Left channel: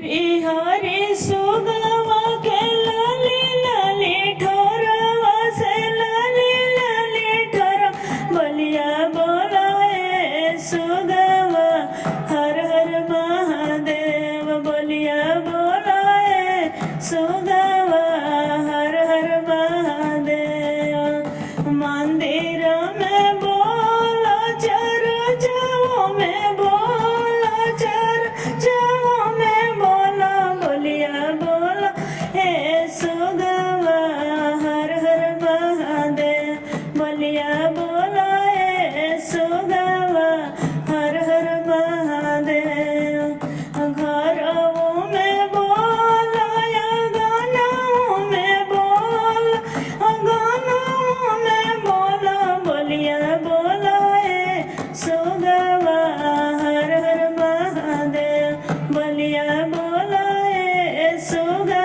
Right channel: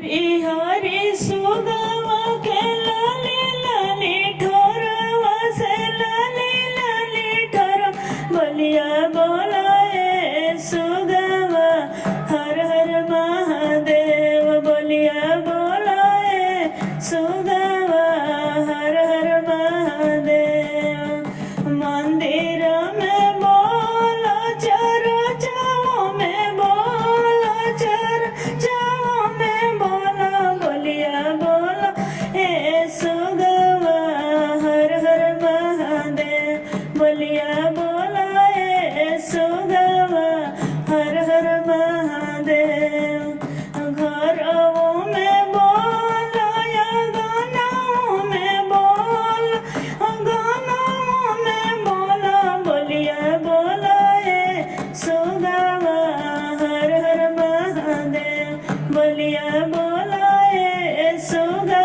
हरे हरे सुगवा के लाली लाली ठोरवा से लाली लाली ठोर बोलिया बोलाए सुगवा हर हर महादेव बोलिया बोलाए सुगवा हर हर महादेव मंदिर में बोला चर जाओ में बोला चर जाओ में बोला बोलिया बोला हे सुगवा हर हर महादेव बोलिया बोला हे सुगवा हर हर महादेव घरों में बोला या गानों में बोला गानों में बोला बोलिया बोला हे सुगवा हर हर महादेव बोलिया बोला हे सुगवा